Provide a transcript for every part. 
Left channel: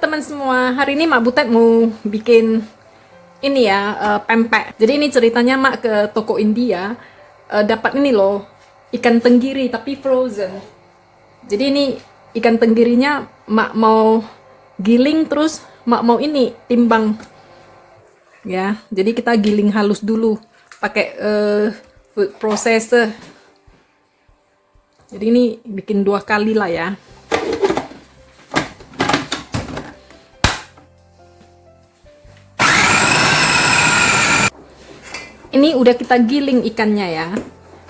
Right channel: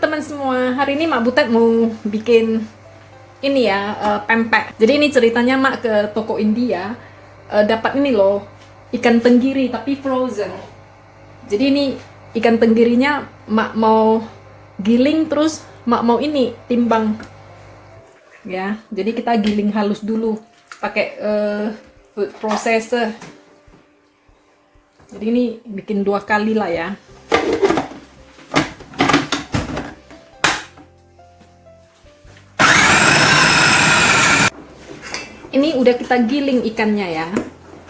teman-teman semua, hari ini Mak Butet mau bikin ini ya, pempek. Jadi ini ceritanya Mak ke toko India, dapat ini loh, ikan tenggiri tapi frozen. Jadi ini ikan tenggirinya Mak mau giling, terus Mak mau ini timbang. Ya, jadi kita giling halus dulu pakai food processor. Jadi ini bikin 2 kali lah ya. Ini udah kita giling ikannya ya.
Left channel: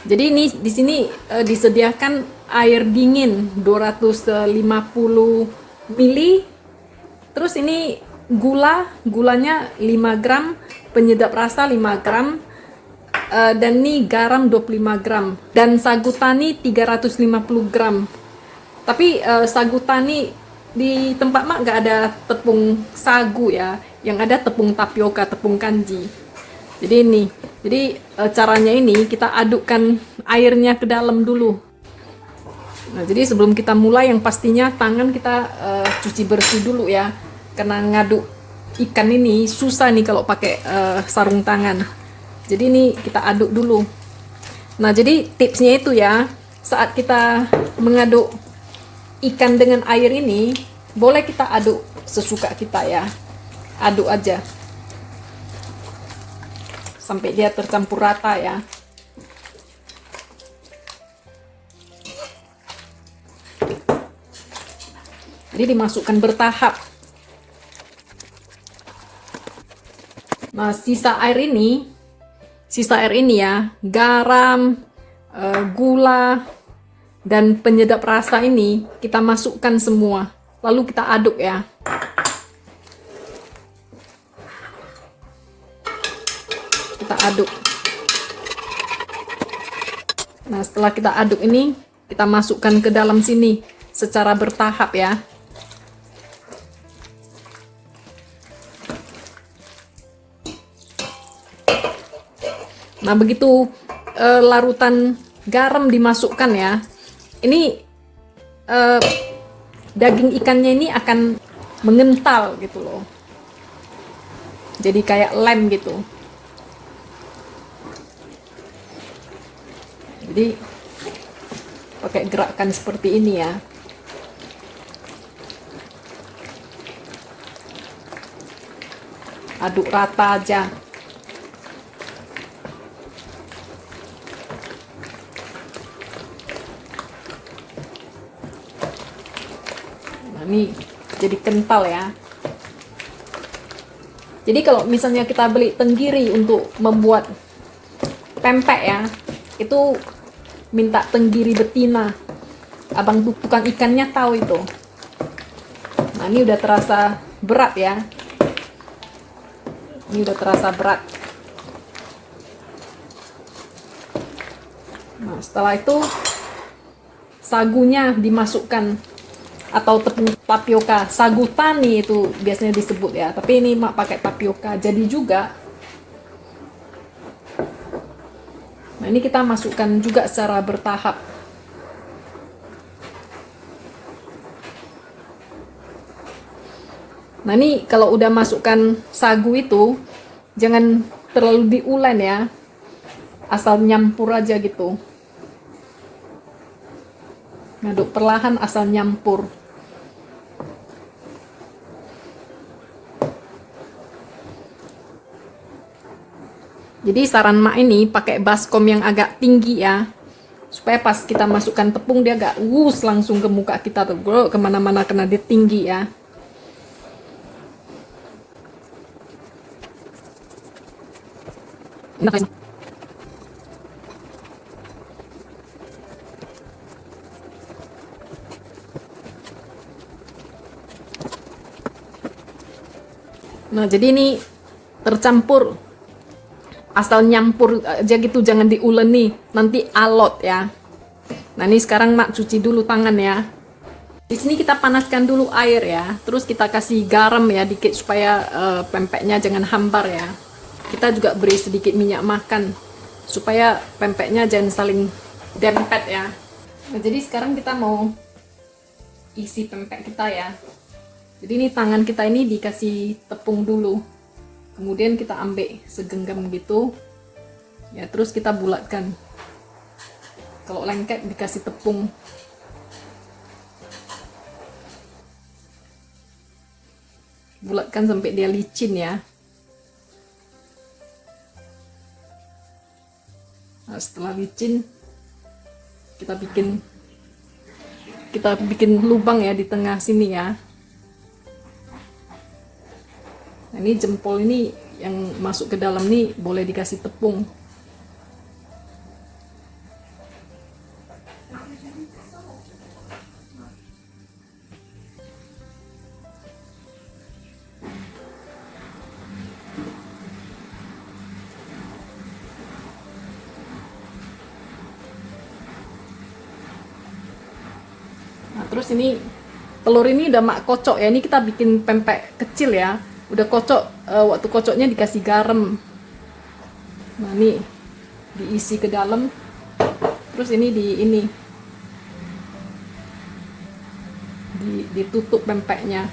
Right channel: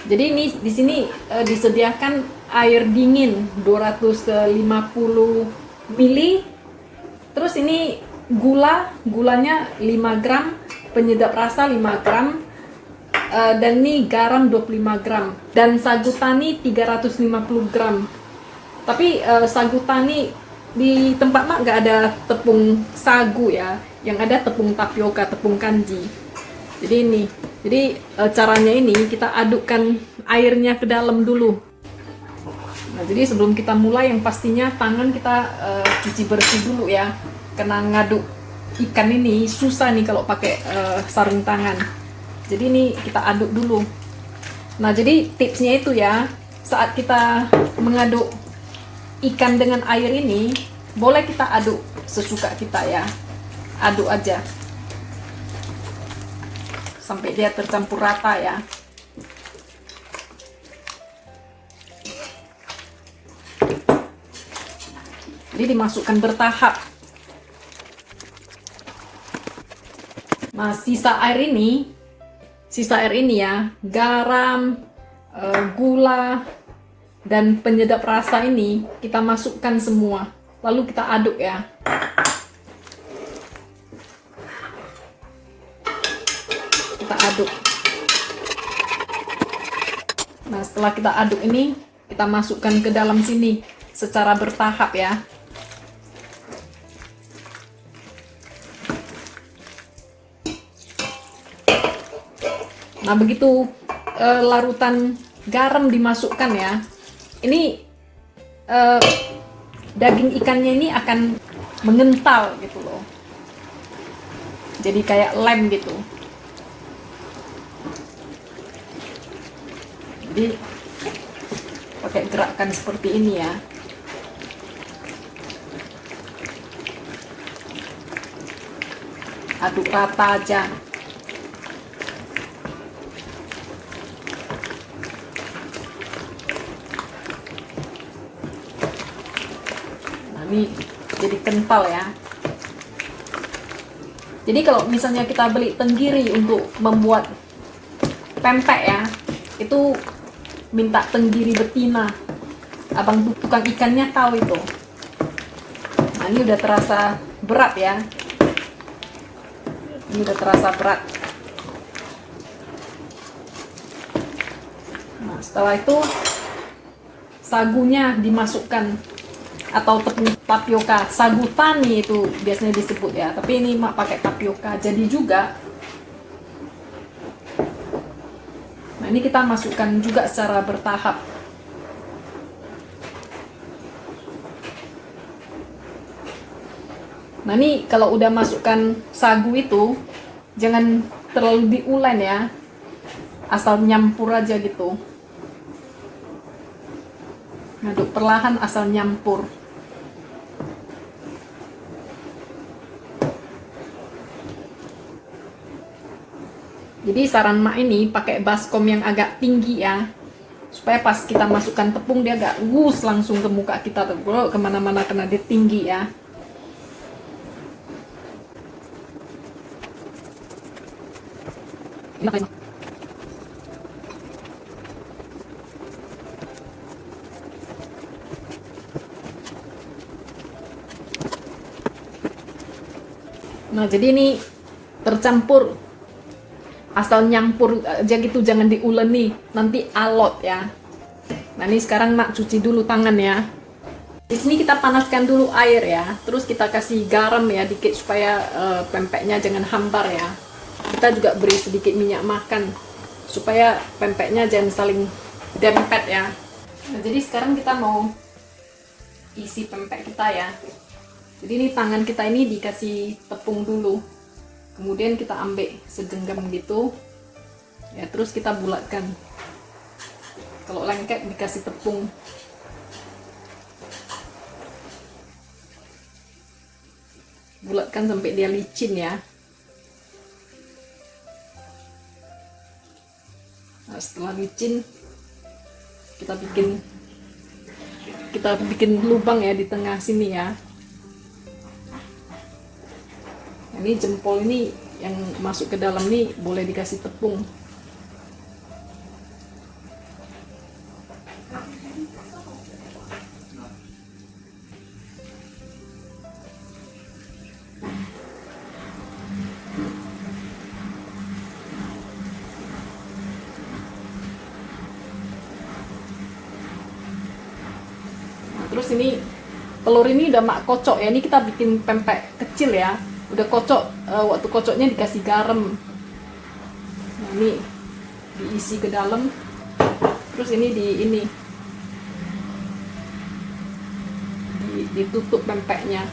Jadi ini di sini disediakan air dingin 250 ml. Terus ini gulanya 5 gram, penyedap rasa 5 gram, dan ini garam 25 gram, dan sagu tani 350 gram. Tapi sagu tani di tempat Mak nggak ada tepung sagu ya, yang ada tepung tapioka, tepung kanji. Jadi caranya ini kita adukkan airnya ke dalam dulu. Nah, jadi sebelum kita mulai yang pastinya tangan kita cuci bersih dulu ya, karena ngaduk ikan ini susah nih kalau pakai sarung tangan. Jadi ini kita aduk dulu. Nah, jadi tipsnya itu ya, saat kita mengaduk ikan dengan air ini, boleh kita aduk sesuka kita ya, aduk aja sampai dia tercampur rata ya. Jadi dimasukkan bertahap. Nah, sisa air ini ya, garam, gula, dan penyedap rasa ini kita masukkan semua. Lalu kita aduk ya. Kita aduk. Nah, setelah kita aduk ini, kita masukkan ke dalam sini secara bertahap ya. Nah, begitu larutan garam dimasukkan ya, ini daging ikannya ini akan mengental gitu loh. Jadi kayak lem gitu. Jadi pakai gerakan seperti ini ya. Aduk rata aja. Nah, ini jadi kental ya. Jadi kalau misalnya kita beli tenggiri untuk membuat pempek ya, itu minta tenggiri betina. Abang tukang ikannya tahu itu. Nah, ini udah terasa berat ya. Ini udah terasa berat. Nah, setelah itu sagunya dimasukkan, atau tepung tapioka, sagu tani itu biasanya disebut ya. Tapi ini Mak pakai tapioka, jadi juga. Nah, ini kita masukkan juga secara bertahap. Nah, ini kalau udah masukkan sagu itu, jangan terlalu diulen ya, asal nyampur aja gitu. Ngaduk perlahan asal nyampur. Jadi saran Mak ini pakai baskom yang agak tinggi ya, supaya pas kita masukkan tepung dia agak wus langsung ke muka kita tuh, kemana-mana, karena dia tinggi ya. Nah, jadi ini tercampur, asal nyampur aja gitu, jangan diuleni, nanti alot ya. Nah, ini sekarang Mak cuci dulu tangan ya. Di sini kita panaskan dulu air ya, terus kita kasih garam ya dikit supaya pempeknya jangan hambar ya. Kita juga beri sedikit minyak makan supaya pempeknya jangan saling dempet ya. Nah, jadi sekarang kita mau isi pempek kita ya. Jadi ini tangan kita ini dikasih tepung dulu, kemudian kita ambil segenggam gitu ya, terus kita bulatkan. Kalau lengket dikasih tepung. Bulatkan sampai dia licin ya. Nah, setelah licin kita bikin lubang ya di tengah sini ya. Nah, ini jempol ini yang masuk ke dalam nih boleh dikasih tepung. Terus ini telur ini udah mak kocok ya, ini kita bikin pempek kecil ya, udah kocok. Waktu kocoknya dikasih garam. Nah ini diisi ke dalam, terus ini ditutup pempeknya.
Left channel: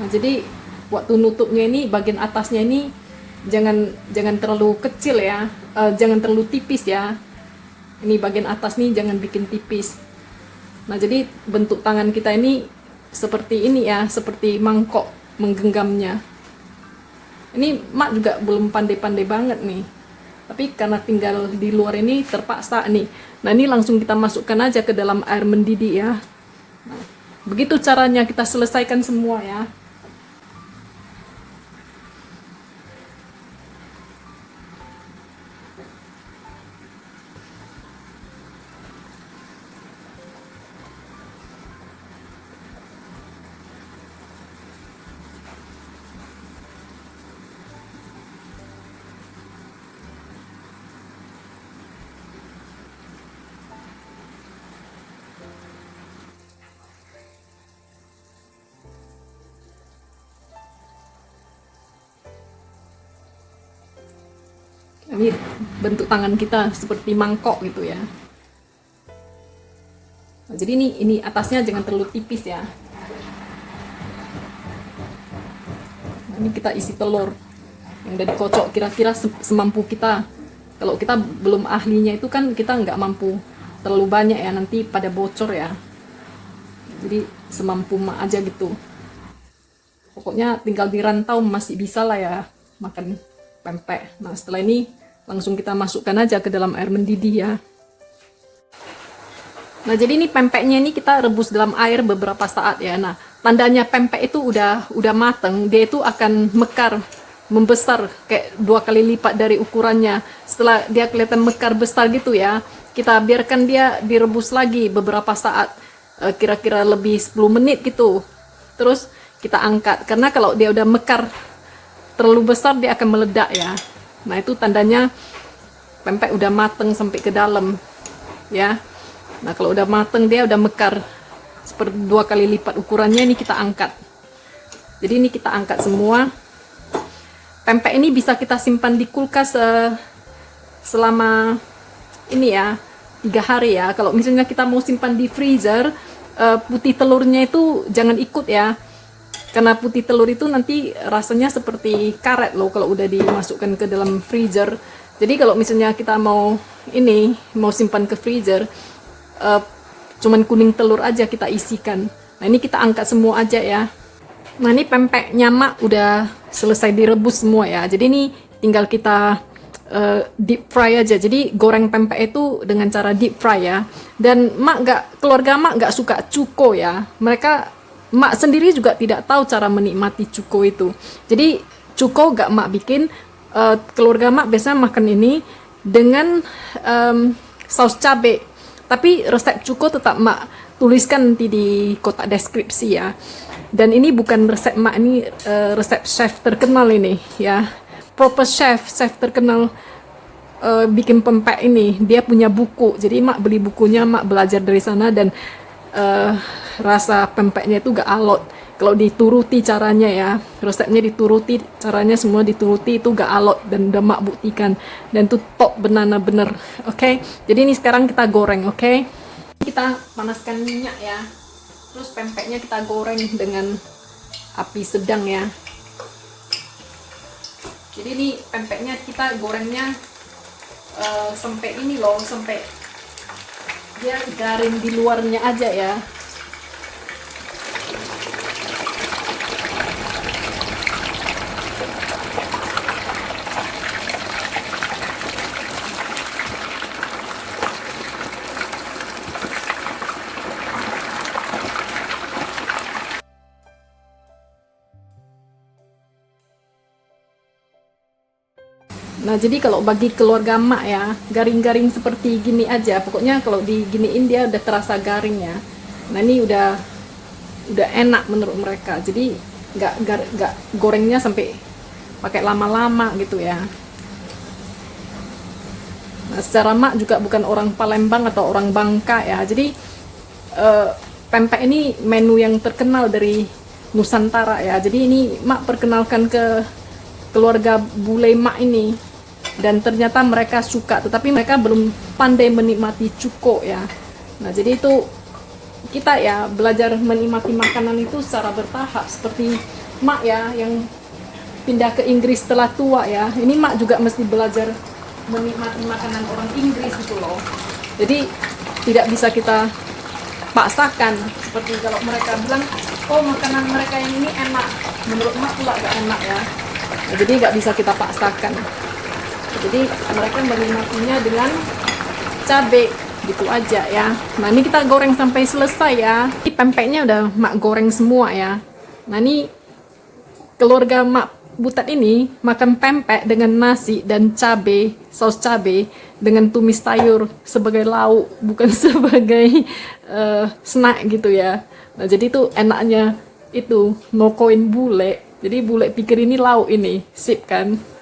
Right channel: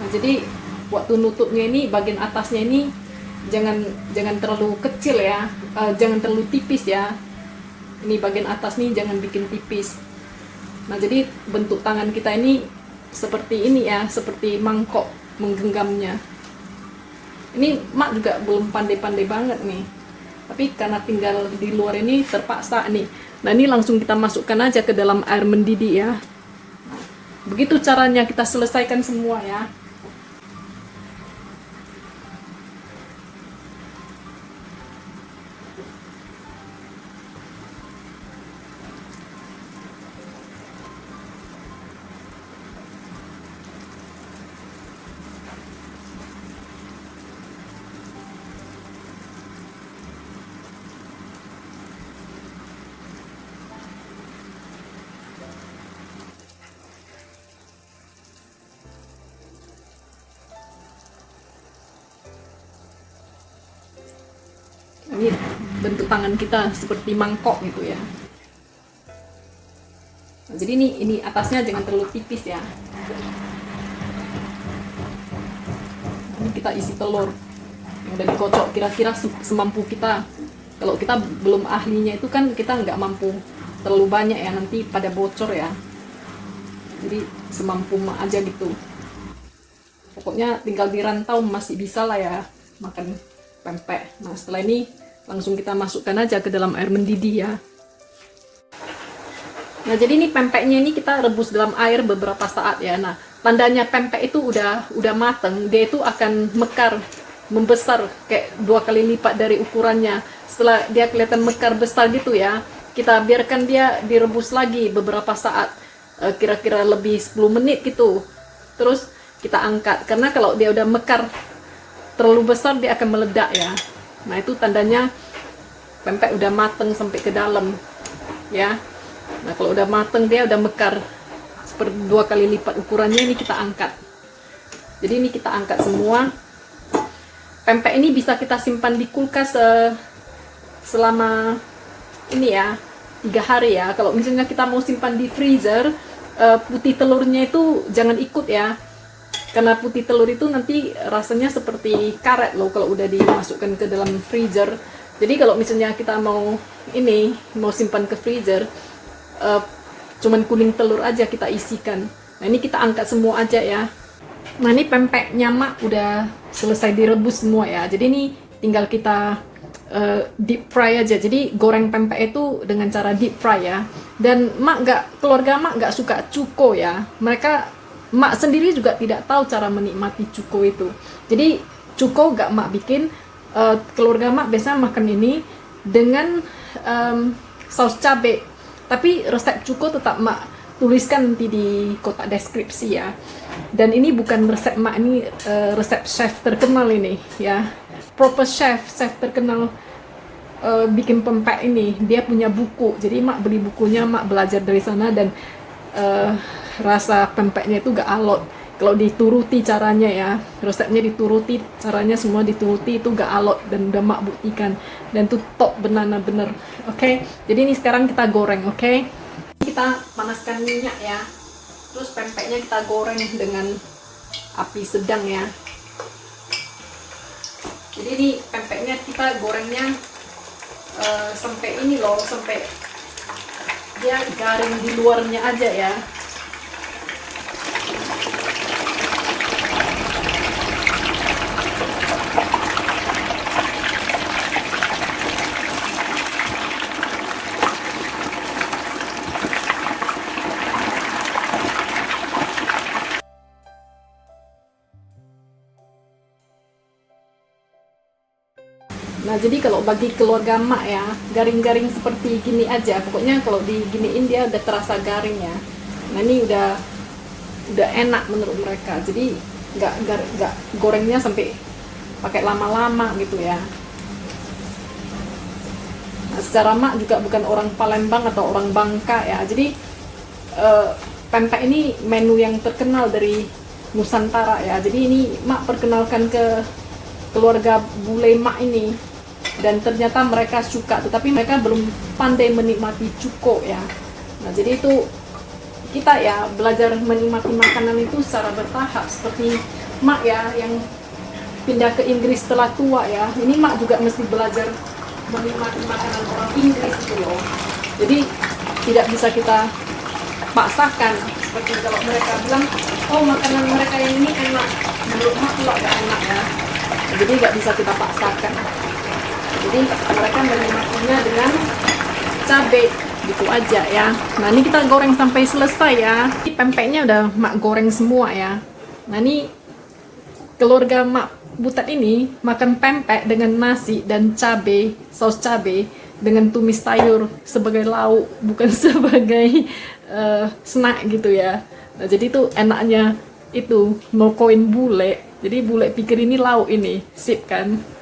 Nah jadi waktu nutupnya ini bagian atasnya ini jangan terlalu kecil ya, jangan terlalu tipis ya. Ini bagian atas nih jangan bikin tipis. Nah jadi bentuk tangan kita ini seperti ini ya, seperti mangkok menggenggamnya. Ini mak juga belum pandai-pandai banget nih, tapi karena tinggal di luar ini terpaksa nih. Nah ini langsung kita masukkan aja ke dalam air mendidih ya. Nah, begitu caranya kita selesaikan semua ya. Ini bentuk tangan kita seperti mangkok gitu ya. Nah, jadi ini atasnya jangan terlalu tipis ya. Ini kita isi telur yang udah dikocok kira-kira semampu kita. Kalau kita belum ahlinya itu kan kita nggak mampu terlalu banyak ya, nanti pada bocor ya. Jadi semampu mak aja gitu. Pokoknya tinggal di rantau masih bisa lah ya makan pempek. Nah setelah ini langsung kita masukkan aja ke dalam air mendidih ya. Nah jadi ini pempeknya ini kita rebus dalam air beberapa saat ya. Nah tandanya pempek itu udah mateng, dia itu akan mekar, membesar kayak 2 kali lipat dari ukurannya. Setelah dia kelihatan mekar besar gitu ya, kita biarkan dia direbus lagi beberapa saat, kira-kira lebih 10 menit gitu. Terus kita angkat, karena kalau dia udah mekar terlalu besar dia akan meledak ya. Nah itu tandanya pempek udah mateng sampai ke dalam ya. Nah kalau udah mateng dia udah mekar seperti 2 kali lipat ukurannya, ini kita angkat. Jadi ini kita angkat semua. Pempek ini bisa kita simpan di kulkas selama ini ya 3 hari ya. Kalau misalnya kita mau simpan di freezer, putih telurnya itu jangan ikut ya. Karena putih telur itu nanti rasanya seperti karet loh kalau udah dimasukkan ke dalam freezer. Jadi kalau misalnya kita mau simpan ke freezer, cuman kuning telur aja kita isikan. Nah ini kita angkat semua aja ya. Nah ini pempeknya mak udah selesai direbus semua ya. Jadi ini tinggal kita deep fry aja. Jadi goreng pempek itu dengan cara deep fry ya. Dan keluarga mak nggak suka cuko ya. Mak sendiri juga tidak tahu cara menikmati cuko itu. Jadi cuko gak mak bikin, keluarga mak biasa makan ini dengan saus cabai. Tapi resep cuko tetap mak tuliskan nanti di kotak deskripsi ya. Dan ini bukan resep mak, ini resep chef terkenal ini ya. Proper chef terkenal bikin pempek ini. Dia punya buku. Jadi mak beli bukunya, mak belajar dari sana, dan rasa pempeknya itu gak alot kalau dituruti caranya ya. Resepnya dituruti, caranya semua dituruti, itu gak alot dan udah mak buktikan, dan itu top bener. Oke, jadi ini sekarang kita goreng. Oke, kita panaskan minyak ya. Terus pempeknya kita goreng dengan api sedang ya. Jadi ini pempeknya kita gorengnya sampai ini loh, sampai dia garing di luarnya aja ya. Nah, jadi kalau bagi keluarga mak ya, garing-garing seperti gini aja. Pokoknya kalau diginiin dia udah terasa garing ya. Nah, ini udah enak menurut mereka. Jadi nggak gorengnya sampai pakai lama-lama gitu ya. Nah, secara mak juga bukan orang Palembang atau orang Bangka ya. Jadi pempek ini menu yang terkenal dari Nusantara ya. Jadi ini mak perkenalkan ke keluarga bule mak ini, dan ternyata mereka suka, tetapi mereka belum pandai menikmati cuko ya. Nah, jadi itu kita ya belajar menikmati makanan itu secara bertahap, seperti mak ya yang pindah ke Inggris setelah tua ya. Ini mak juga mesti belajar menikmati makanan orang Inggris gitu loh. Jadi tidak bisa kita paksakan. Seperti kalau mereka bilang, oh makanan mereka yang ini enak, menurut mak juga gak enak ya. Jadi nggak bisa kita paksakan. Jadi mereka menikmatinya dengan cabai gitu aja ya. Nah, ini kita goreng sampai selesai ya. Ini pempeknya udah mak goreng semua ya. Nah, ini keluarga mak Butat ini makan pempek dengan nasi dan cabai, saus cabai dengan tumis sayur sebagai lauk, bukan sebagai snack gitu ya. Nah, jadi itu enaknya itu no koin bule. Jadi bule pikir ini lauk, ini sip kan.